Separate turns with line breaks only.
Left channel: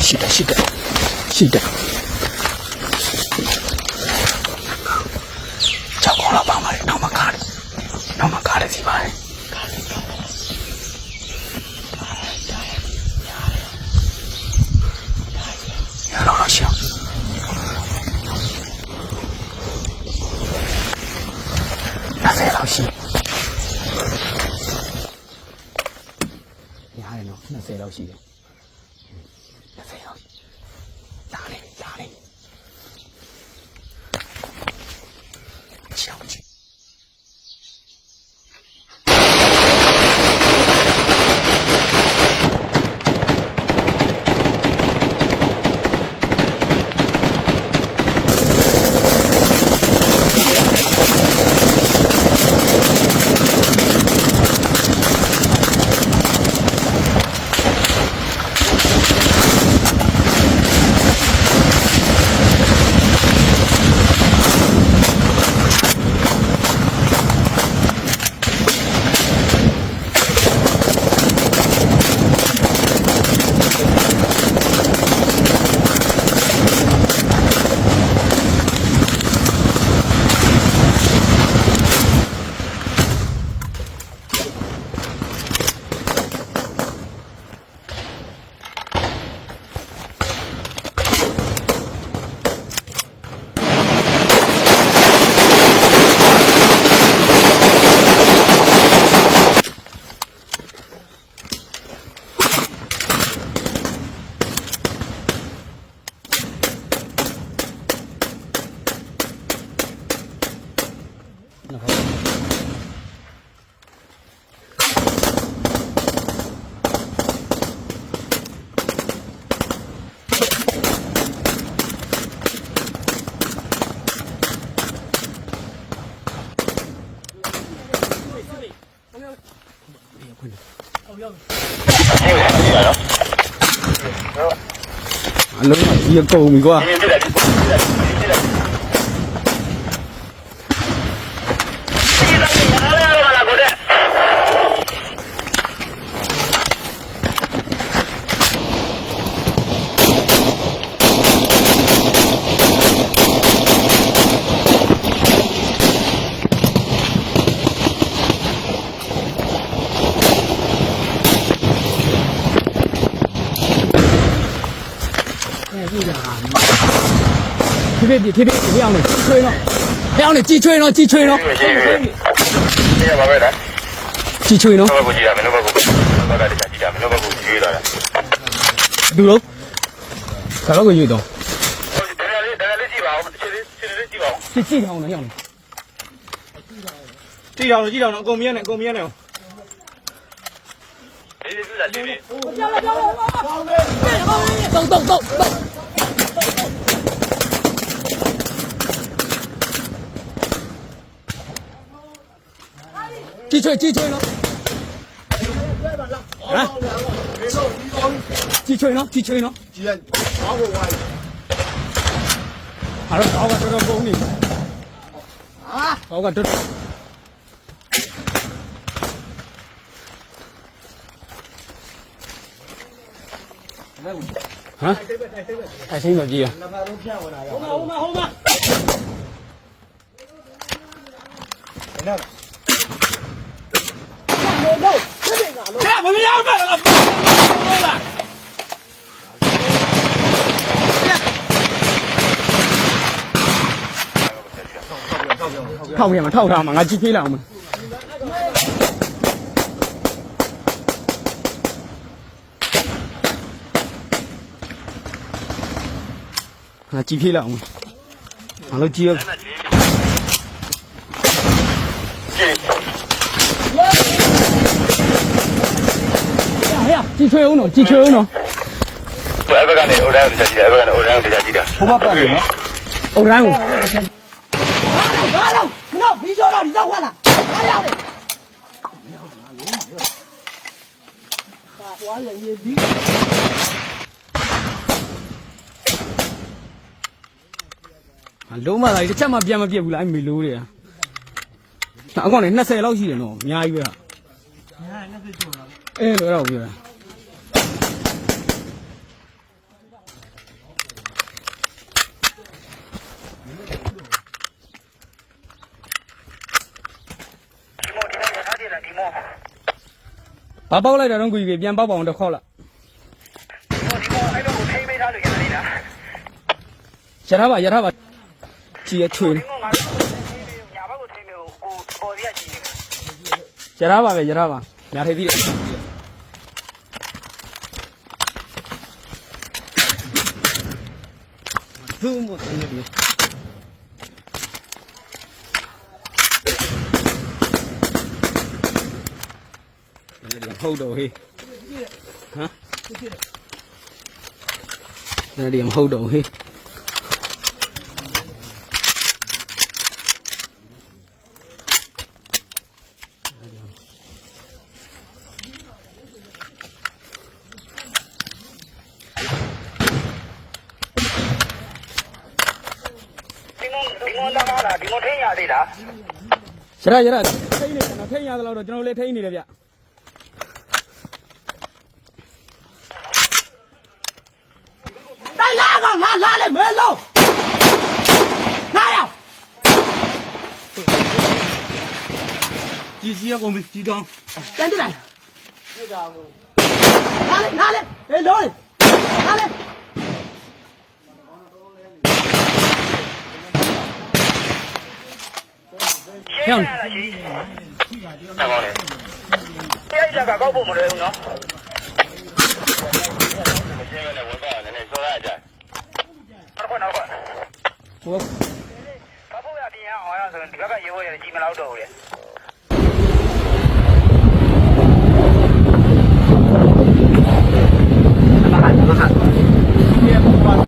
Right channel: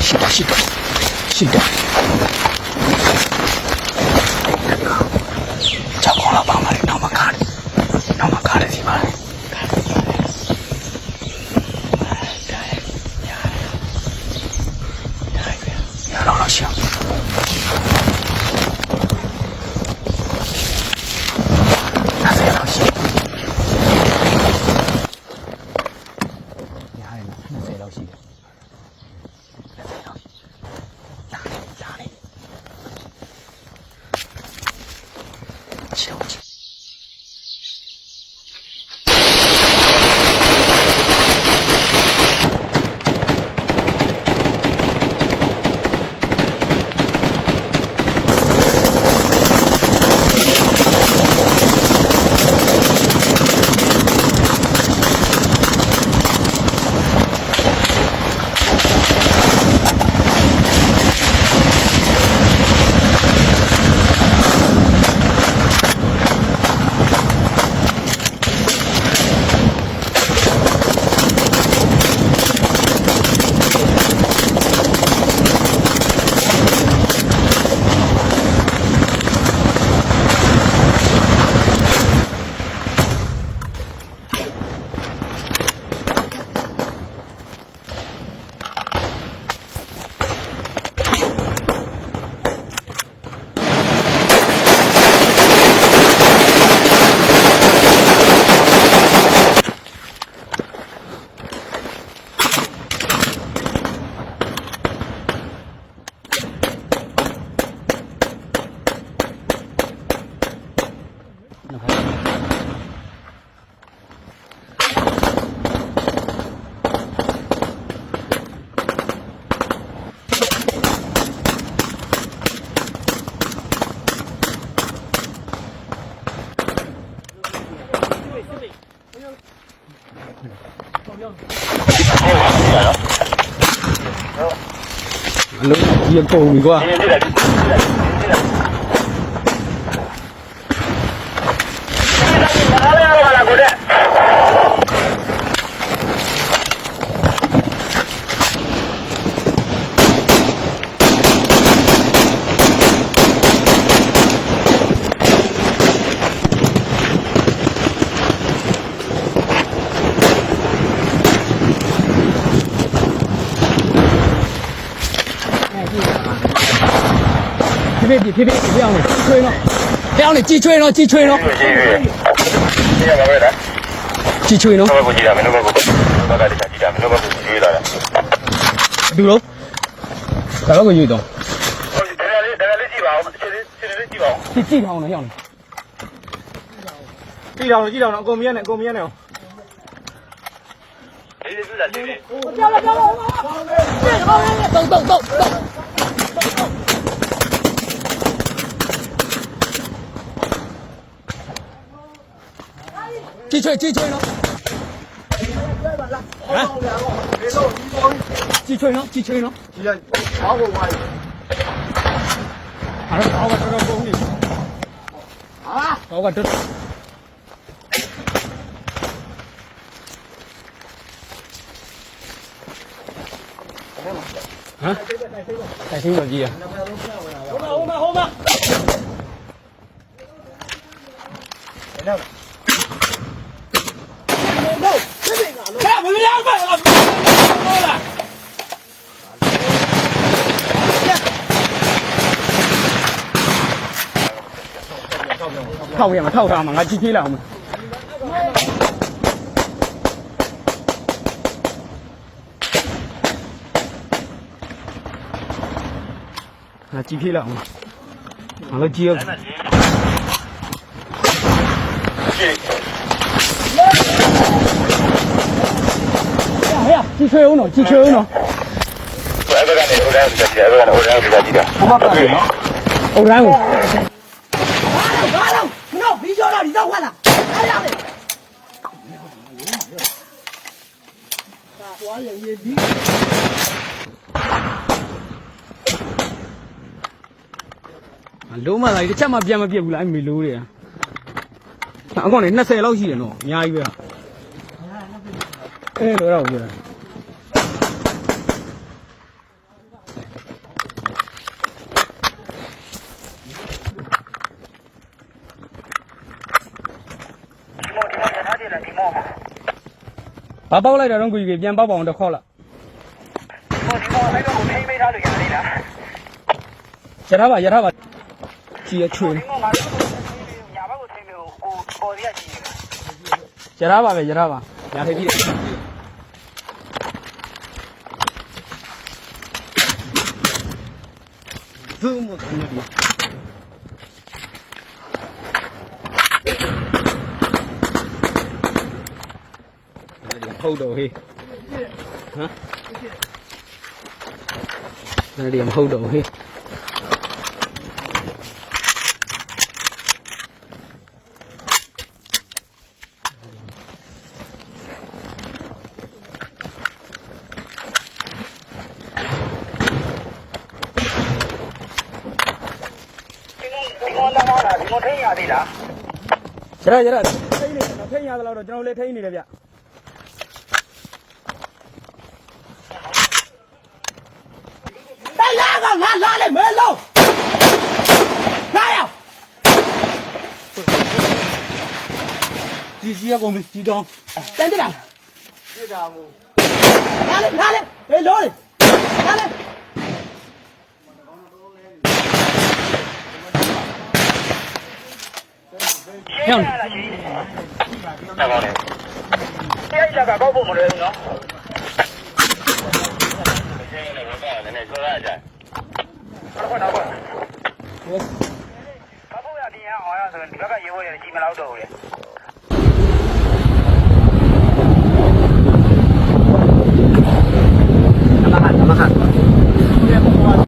是的是的是的。はい。Nhiệt cầu? 这边
比这边比亮的，亮的鸡吹了，
鸡吹了，鸡吹了。ดู
แล้วแต่เราไปอยู่ตรงที่ที่ทา
งไหนอย่างนี้ที่ทางที่ทางเราโกมีเนี่ยโกมีเนี่
ยโอ้โห
去，进去。来，几千人，几千人，几人，打我过来。好了，我把这个
封了。啊，我把
这。啊？带新手机啊？好吗？好吗？好吗？来吧。 ဟိုမှာဟိုမှာဟိုမှာဟိုမှာထောက်ပြန်ထောက်ထားမှာငါကြည့်သေးလိုက်အောင်ငါကြည့်သေးလိုက်အောင်ငါလည်းကြည့်ရအောင် ကြီးချွေးအောင်နော်ကြီးချွေးအောင်နော်အဲ့ဒါကနေဟိုတိုင်း
ကိုကြည့်တယ်အဲ့ဒါကနေဟိုတိုင်းကိုကြည့်တယ်
ဘုမတော်ပြီနော်ဟိုတိုင်းကို
ဘာလို့ဘာလို့နော်ဘီကျော်တော့လောက်ဝလာအဲ့ဒါလေကွာလေရေဒီ
လုံးမလိုက်တစ်ချက်မှပြန်မပြက်ဘူးလားအဲ့မေလိုးတယ်အကောင်နဲ့20လောက်ရှိတယ်နော်အများကြီးပဲအဲ့လိုတော့ပြော
တယ်လေဒီမောဒီ
ဘာပေါက်လိုက်တာတော့ကိုကြီးပြန်ပေါက်ပါအောင်တစ်ခေါက်လိုက်
မောဒီမောအဲ့လိုထိပေးထားလို့ရတယ်လား
ရထားပါရထားပါကြည့်ရချွေ
ဒီမောငါညာဘက်ကိုထိပေးကိုပေါ်ရရှိနေတယ်
ရထားပါပဲရထားပါညာထိပ်ပြီးတယ်ဘုံမဘုံမဟုတ်တော့ဟေးဟမ်ဒီမဟုတ်တော့
thâu đồ hi là điểm hư đồ hi Chờ chờ,
thấy nhà tao đâu rồi, tao lấy thấy này rồi vậy. လာလေ
မဲလုံးငါရောက်
ကြီးကြီးရကုန်ပြီကြီးတောင်း
တန်ကြလားပြတာမို့လာလေလာလေဟေးလုံးလေလာလေ
ဟမ်
အဲ့ရပါတော့ဘုံမလို့နော်ရှင်း พูดแบบนี้นะห
อ
ยเหินก็ไปอยู่ในที่มันเล่าเดือดเล
ยมาหันมาหัน